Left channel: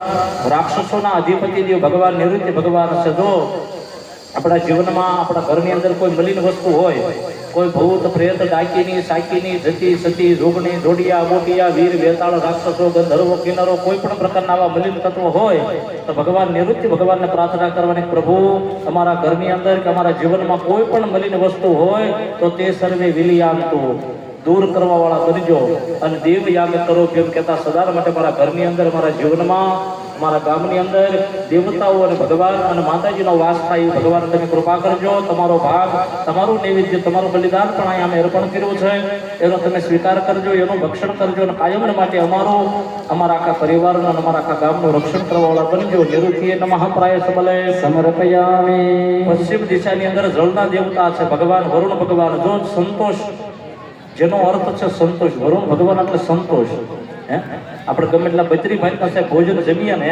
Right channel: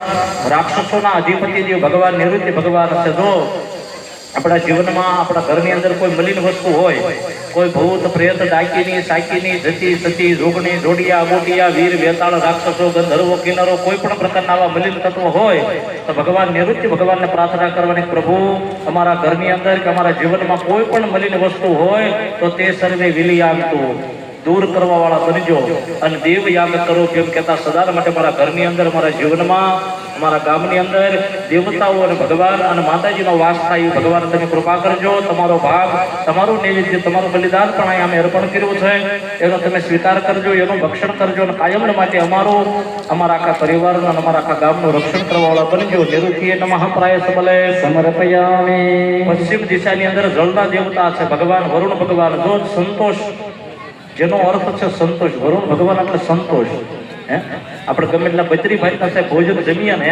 રાક્ષસોના અધિપતિ દેવ ભગવાન નિવૃત્તિ ભગવાન છે. જો આપણા જીવનમાં આપણા ઘરની અંદર કોઈ મલિન વસ્તુ હોય, કોઈ ભૂત પ્રેત ડાકીની સાકીની જતી સતી જોગણી જોડિયા મોટિયા વીર વેતાળ રાક્ષસો ગંધર્વો કિન્નરો કોઈ પણ પ્રકારના આવા મલિન તત્વો હોય તો ભગવાન નિવૃત્તિ ભગવાનને પ્રાર્થના કરવાની, પ્રભુ અમારા ઘરની અંદર કે અમારા જીવનમાં કોઈ પણ મલિન વસ્તુ હોય તો તે સર્વે વિલી આવતું દૂર કરવા વાળા બનજો અને દેવ યાગ કરો કેમ કહેતા સદા માટે મારા ઘરની અંદર મારા જીવનમાં અમારા ગામની અંદર દેવતાઓ અને ભગવાન અને માતાજીનો વાસ થાય. ભગવાન તમે કૃપા કરજો. તમારો ભાગ તમારું નૈવેદ્ય તમારું બલિદાન પણ અહીં અમે અર્પણ કર્યું છે એનો તમે સ્વીકાર કરજો, એનું ભક્ષણ કરજો અને કાયમ માટે અમારું અમારા આખા પરિવારનું અને અમારા આખા ગામનું રક્ષણ કરવા વાળા બનજો. નિરુદ્ધિએ નમઃ પ્રાય સબલે સમર્પયામિ. પશ્ચિમ દિશાની અંદર જળના દેવતા છે ભગવાન વરુણ ભગવાન. જો સંતોષ જેનો અર્થ છે સંતોષ, વરુણ ભગવાન એટલે સંતોષ. આપણે ગમે એટલા બત્રી ભાઈ પાસે ભોજન જમીએ ને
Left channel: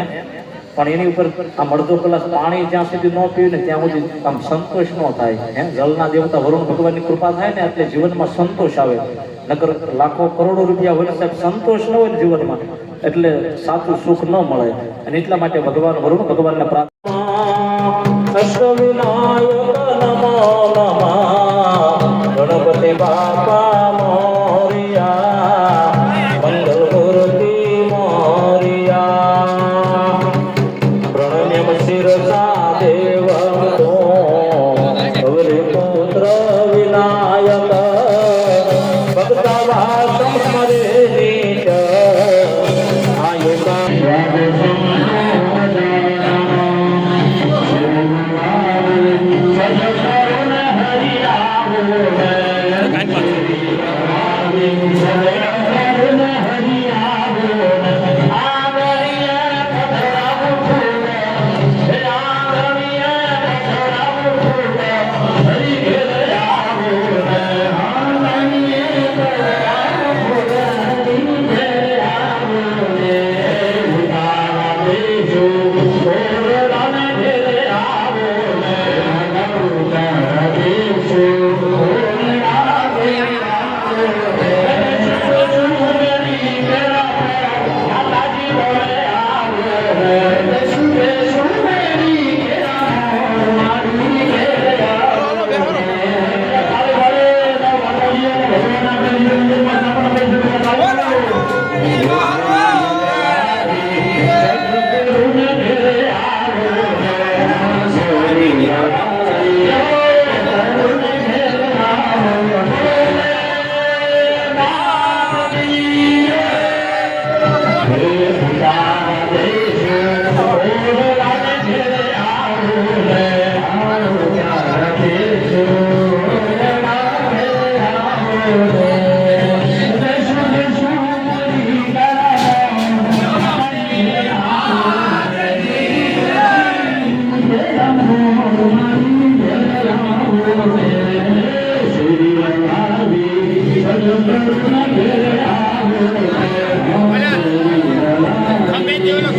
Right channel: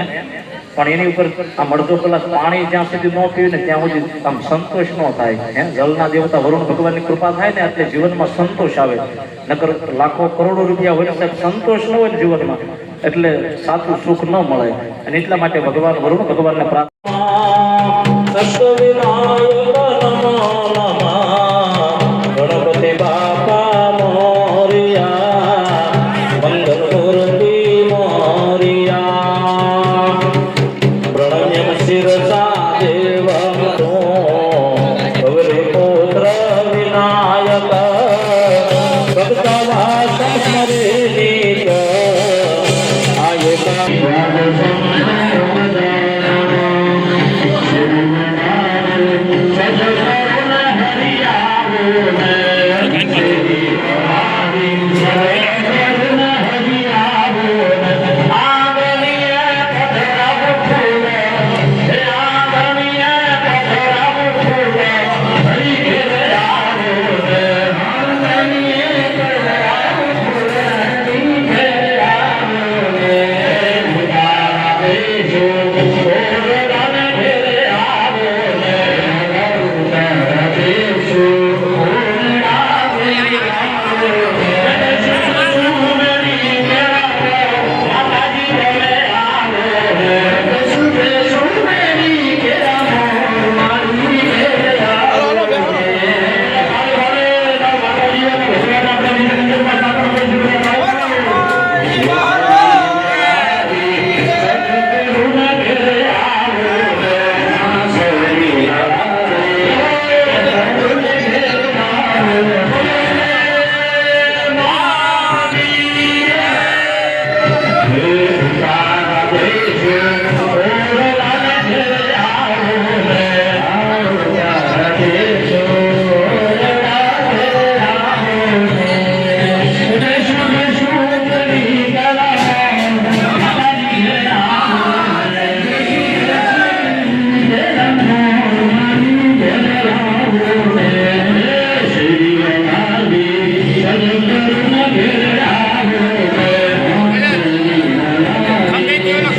પણ એની ઉપર આમ અડધો કલાક પાણી જ્યાં સુધી ન પીવે ને ત્યાં સુધી આમ સંતોષ ન થાય. જળના દેવતા વરુણ ભગવાનની કૃપા થાય ને એટલે જીવનમાં સંતોષ આવે. નકર લાખો કરોડો રૂપિયા હોય સાહેબ સંતોષ ન હોય જીવનમાં એટલે સાચું સુખ ન મળે. અને એટલા માટે ભગવાન વરુણ ભગવાનને પ્રાર્થના ગણપતિ બાપા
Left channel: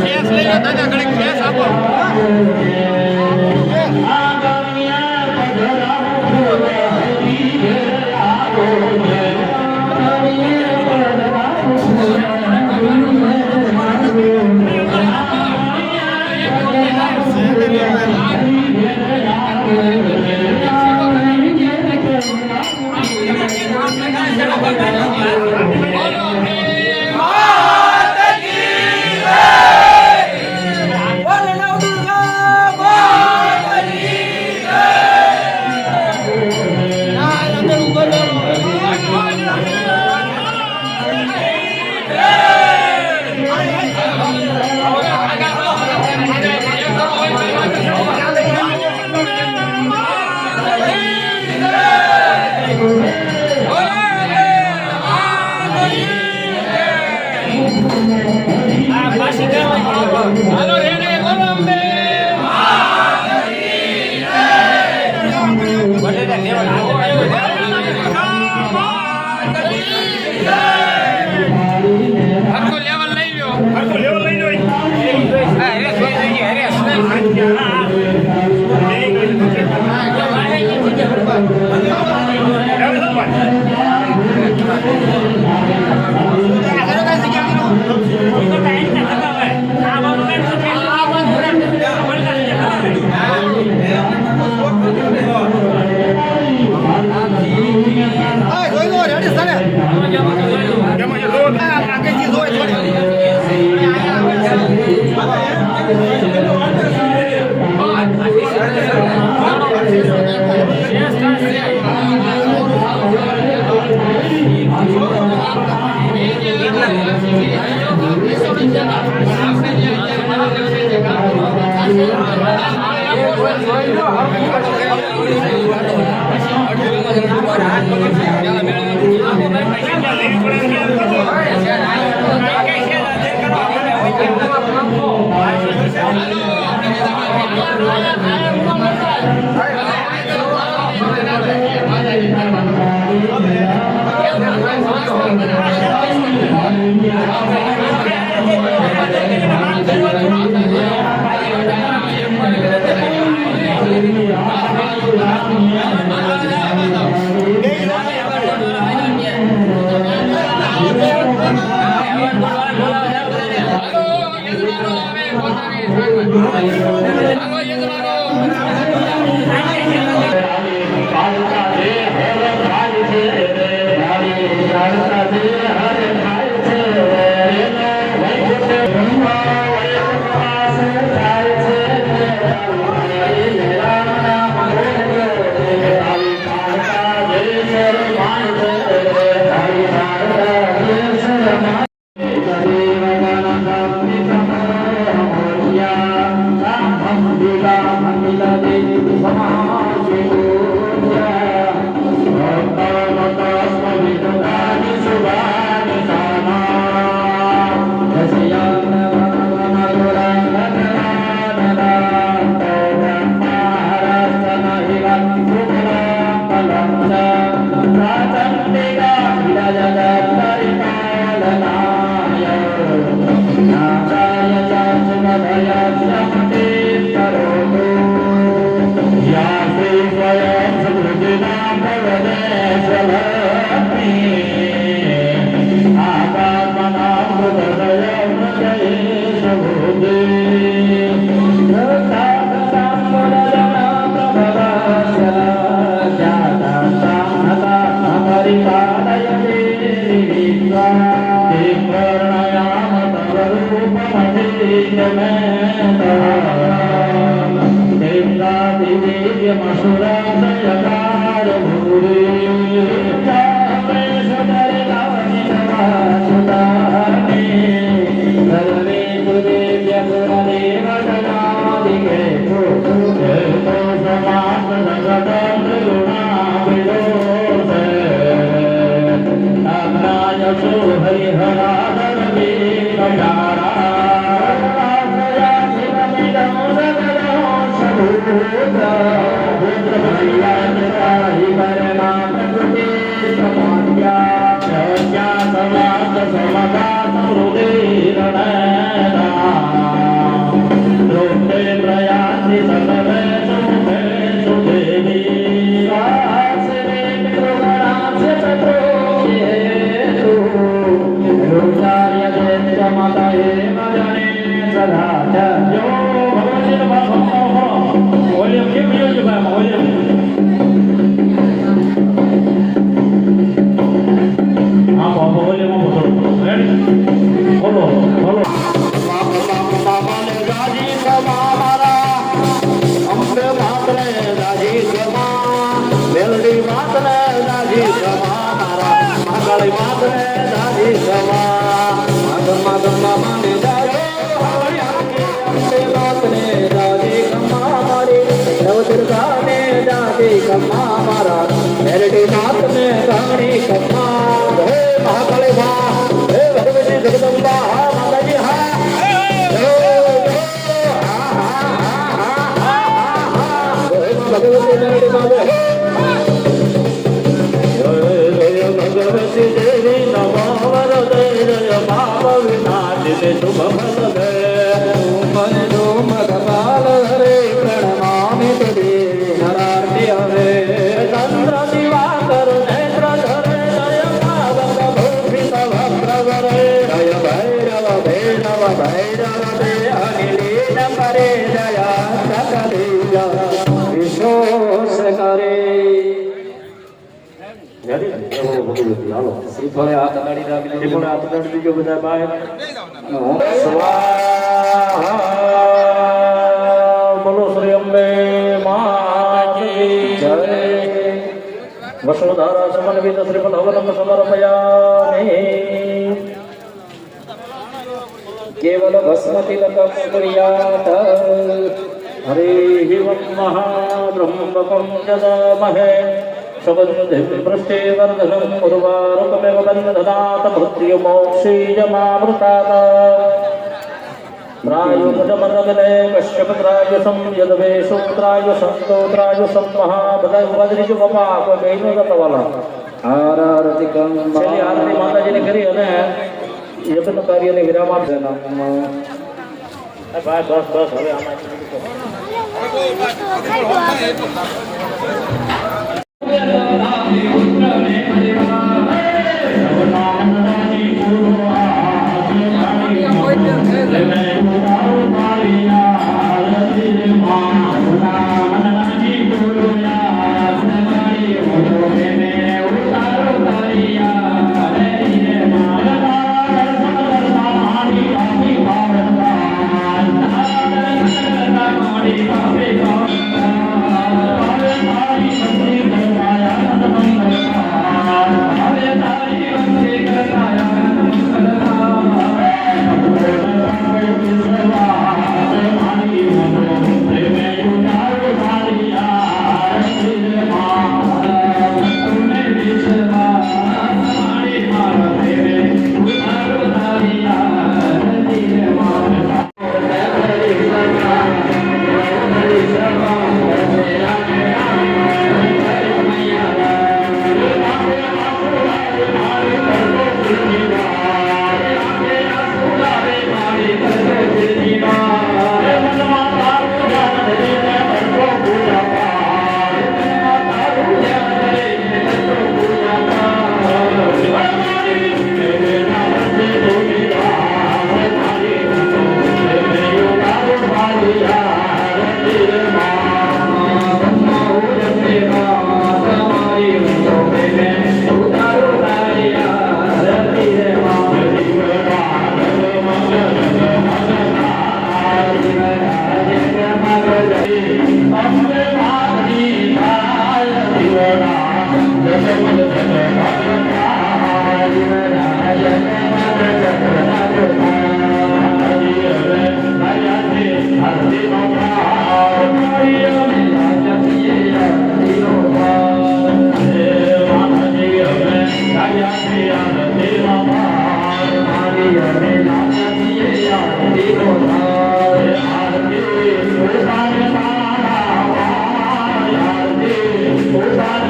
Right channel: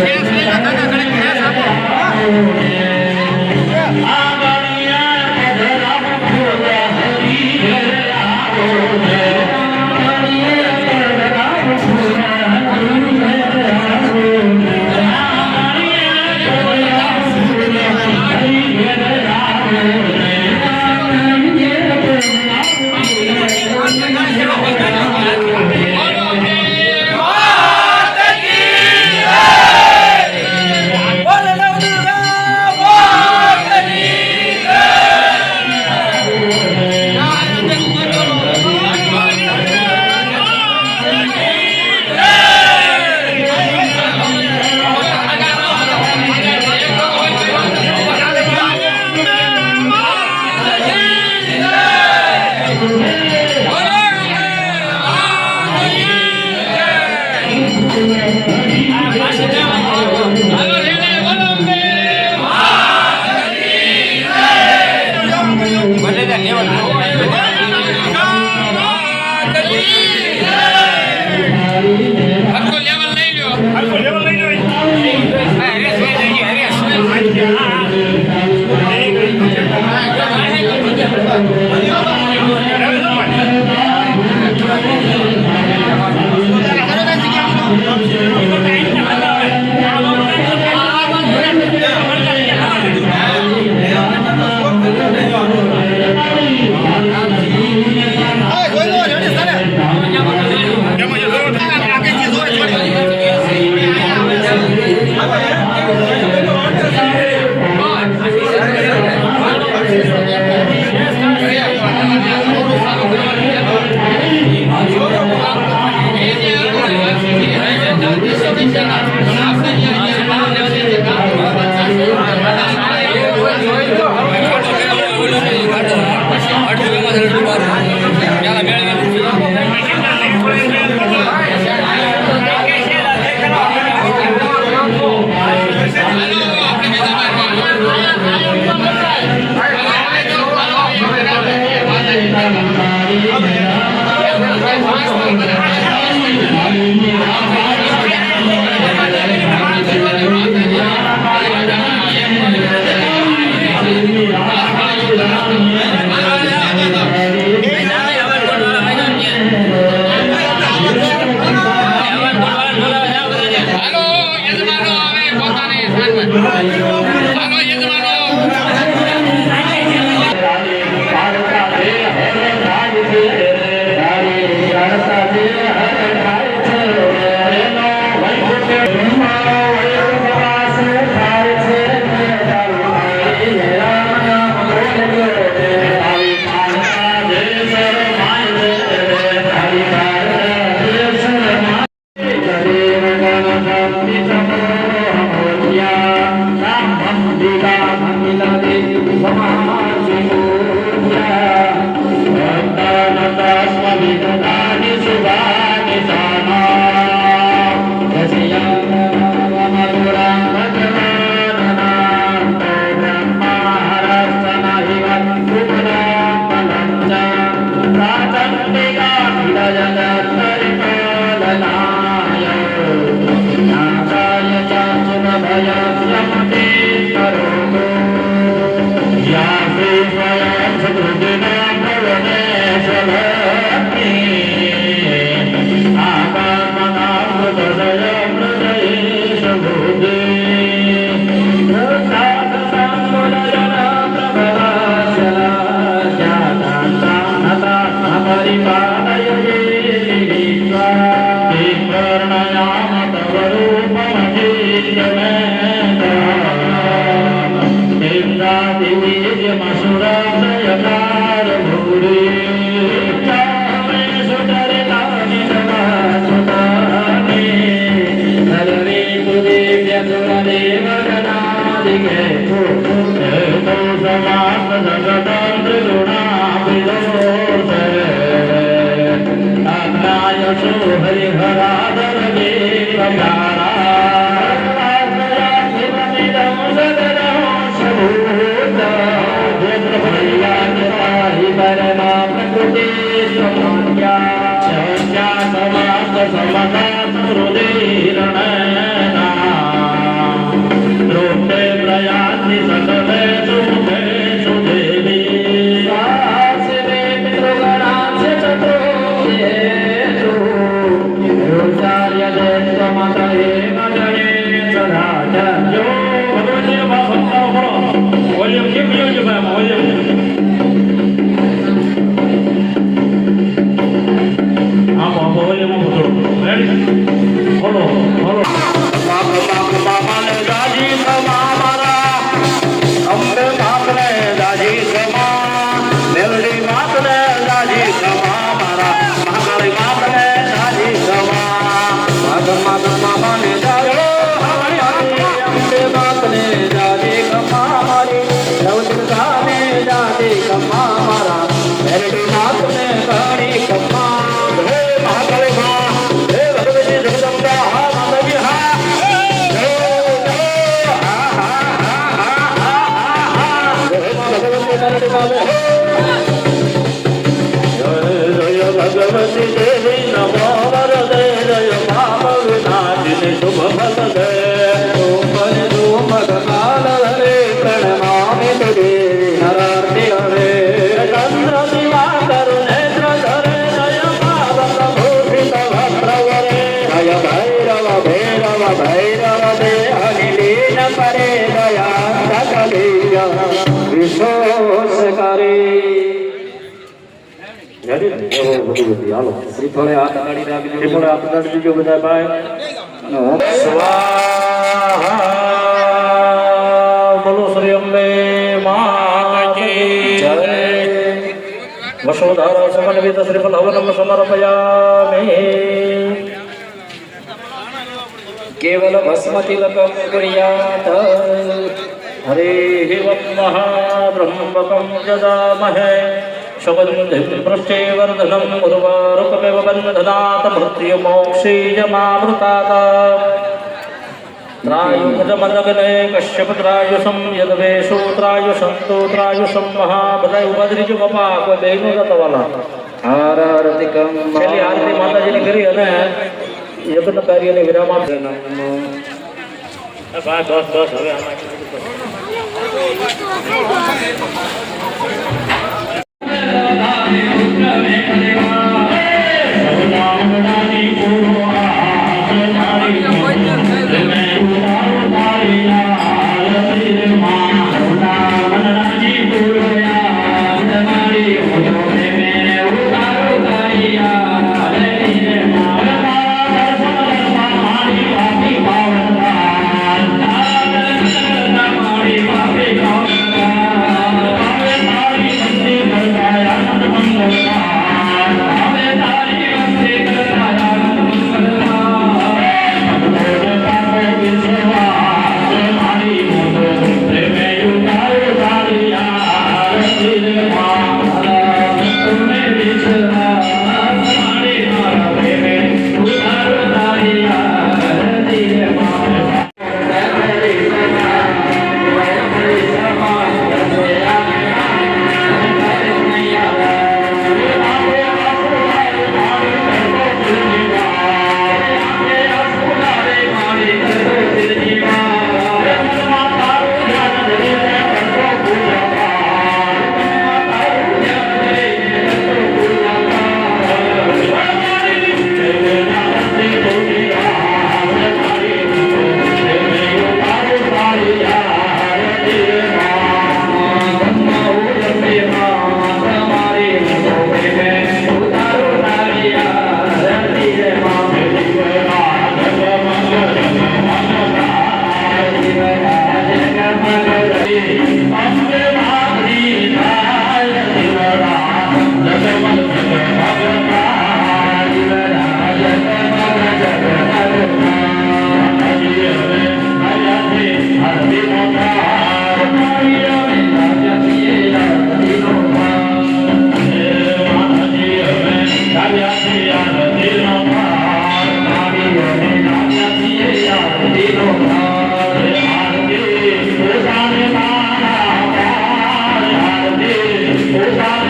Yes, શ્રીફળે હાથ અડાડી રાખજો, શ્રીફળે હાથ અડાડી દીજો બધા ભાઈ. સ્વાહા બોલો શ્રી અંબે માતા કી જય. વસુધારા સમન્વિત શ્રીફળ હવનમ સમર્પયામિ. કેવલ ભસ્મ તિલકમ ક્રિયાત હરે મહાબ્રહ્મકં જદામહે સુગંધિં પૃષ્ટિવર્ધનમ ઉર્વારુકમેવ બંધનાત મૃત્યુમોક્ષીયમામૃતાત. ત્રાયુજમનગને કશ્યપત્રાયુષમ યદવેશોત્રાયુષંતોત્રાયુષમ મહા. બધા ઉભા થઈ જજો બાપા, કોઈ બહેનો જતા વાલા. આરતિકમ છેલ્લી આરતી માતાજીની કરી અને યજ્ઞ કાર્યને વિરામ આપે. બસ બસ બસ હવે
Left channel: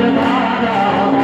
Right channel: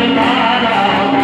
મારા